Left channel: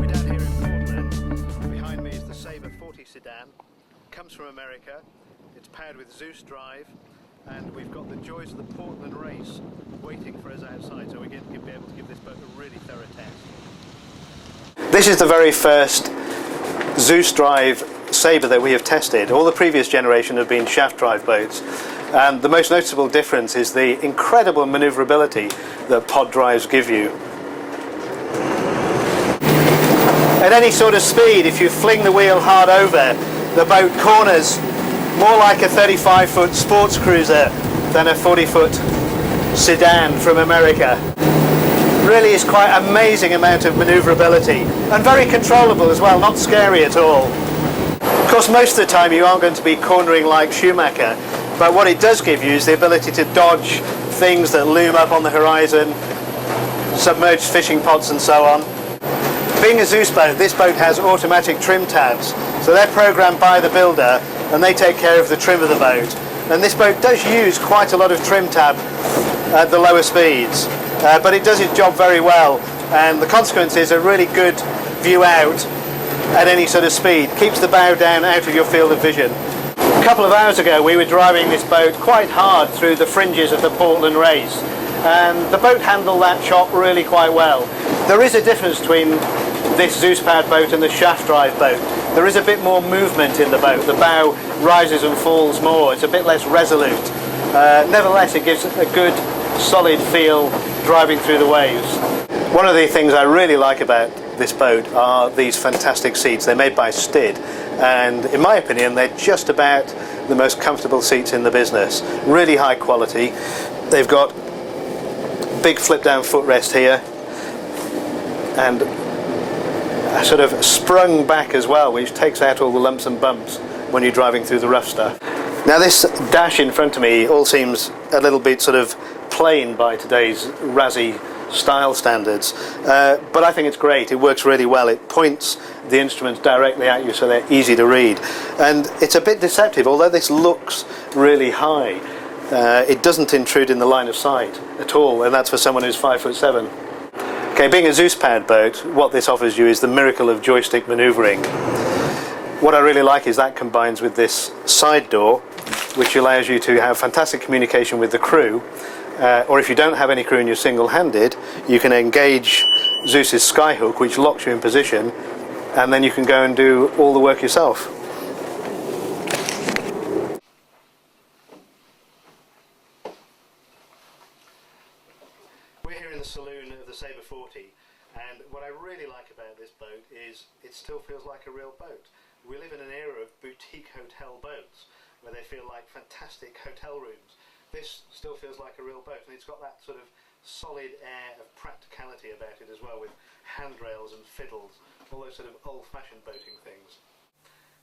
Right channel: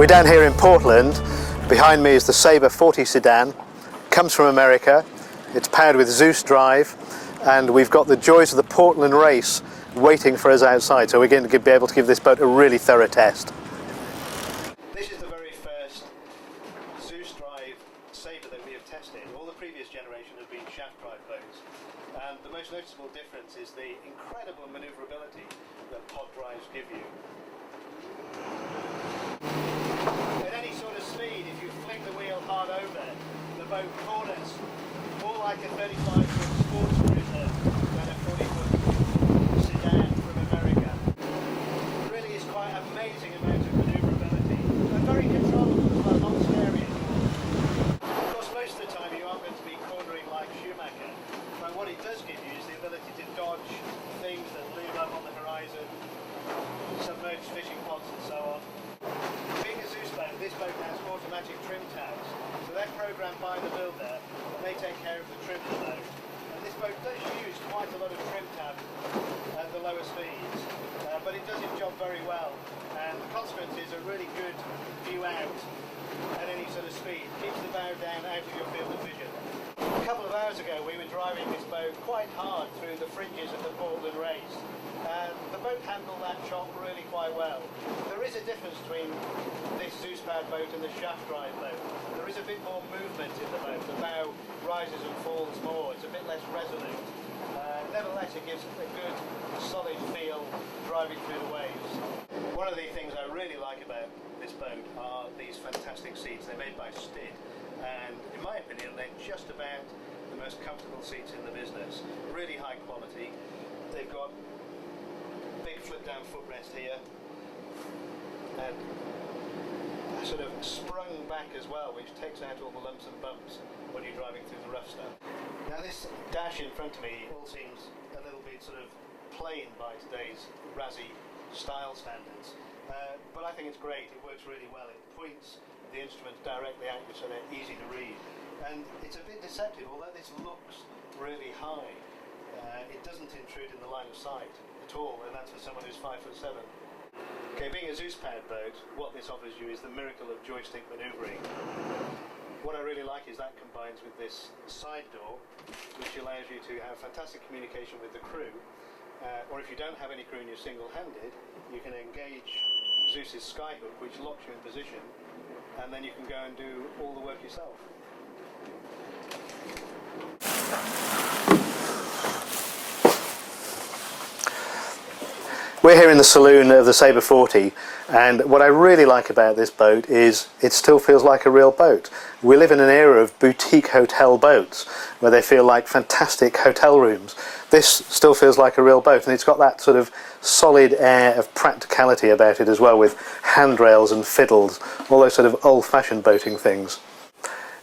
We're down here in Portland. Behind me is the Sabre 40 sedan. Comes from America. It's powered with Zeus drive, and we've got the joys of the Portland race waiting for us outside, so we're going to be able to give this boat a really thorough test. This is the very first Zeus drive Sabre that we have tested. All the previous generation have been shaft drive boats, and the most noticeable difference is the incredible manoeuvrability that pod drives give you. At any sort of speed, if you fling the wheel hard over, the boat corners more like a 35-foot sports cruiser than a 40-foot sedan from America. Really is quite an amazing amount of manoeuvrability, and very controllable as well, not scary at all. Of course, most of the time you aren't going to be cornering like Schumacher, but what it does give you is the ability to dodge things that loom up on the horizon, submerged fishing pods and so on. Being a Zeus boat, this boat has automatic trim tabs, so they're programmed by the builder and they take care of the trim of the boat. And this boat does use quite a lot of trim tab at the lower speeds, but it does its job very well, and the consequence is a really good view out at any sort of speed. Keeps the bow down out of your field of vision. A couple of hours ago we were driving this boat quite hard through the fringes of the Portland race, and the boat handled that chop really quite well. There is a difference between this Zeus powered boat and the shaft drive boat. There is a bit more movement in the boat. The bow rises and falls more. It's a bit less resolute. Nevertheless, it gives a good solid feel driving through the waves. One of the things I really like about this boat are these fantastic seats. They're made by Stid, and in my opinion they're just about the most comfortable seats in the business. Really high quality. They've got big flip down footrest here, and a sort of sprung back as well, which takes out all the lumps and bumps when you're driving through the rough stuff. Now this dash in front of me all seems a little bit sort of plain by today's razzy style standards, but I think it's great. It works really well. It points the instruments directly at you so they're easy to read, and it's a bit deceptive. Although this looks really high, it doesn't intrude in the line of sight at all, and that's for someone who's 5'7". Okay, being a Zeus powered boat, what this offers you is the miracle of joystick manoeuvring. What I really like is that combines with this side door, which allows you to have fantastic communication with the crew, or if you don't have any crew and you're single-handed, you can engage Zeus's skyhook, which locks you in position, and then you can go and do all the work yourself. We're here in the saloon of the Sabre 40, and what I really like about this boat is it still feels like a real boat. We live in an era of boutique hotel boats where they feel like fantastic hotel rooms. This still feels like a real boat, and it's got that sort of solid air of practicality about it as well, with handrails and fiddles, all those sort of old-fashioned boating things.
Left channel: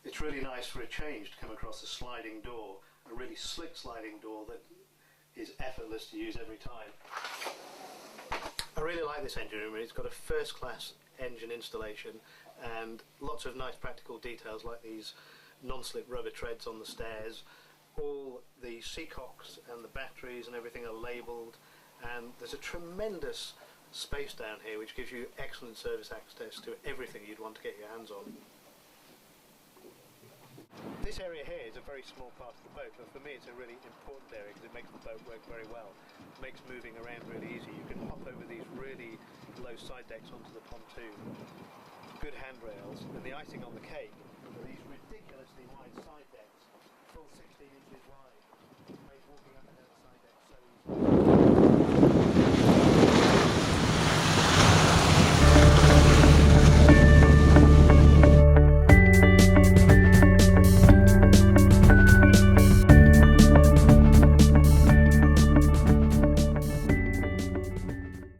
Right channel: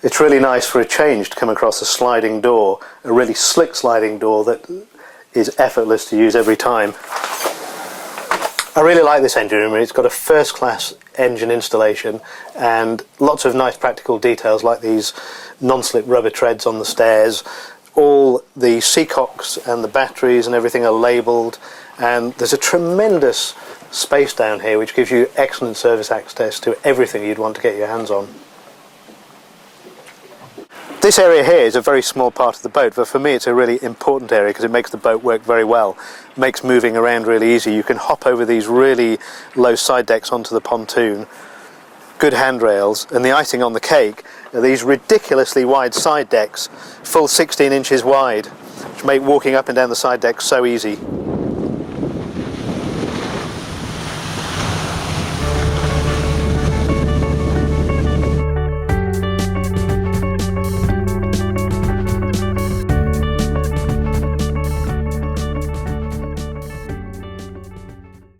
It's really nice for a change to come across a sliding door, a really slick sliding door that is effortless to use every time. I really like this engine room. It's got a first-class engine installation and lots of nice practical details like these non-slip rubber treads on the stairs. All the seacocks and the batteries and everything are labelled, and there's a tremendous space down here which gives you excellent service access to everything you'd want to get your hands on. This area here is a very small part of the boat, but for me it's a really important area because it makes the boat work very well. It makes moving around really easy. You can hop over these really low side decks onto the pontoon, good handrails, and the icing on the cake are these ridiculously wide side decks, full 16 inches wide, which make walking up and down the side decks so easy.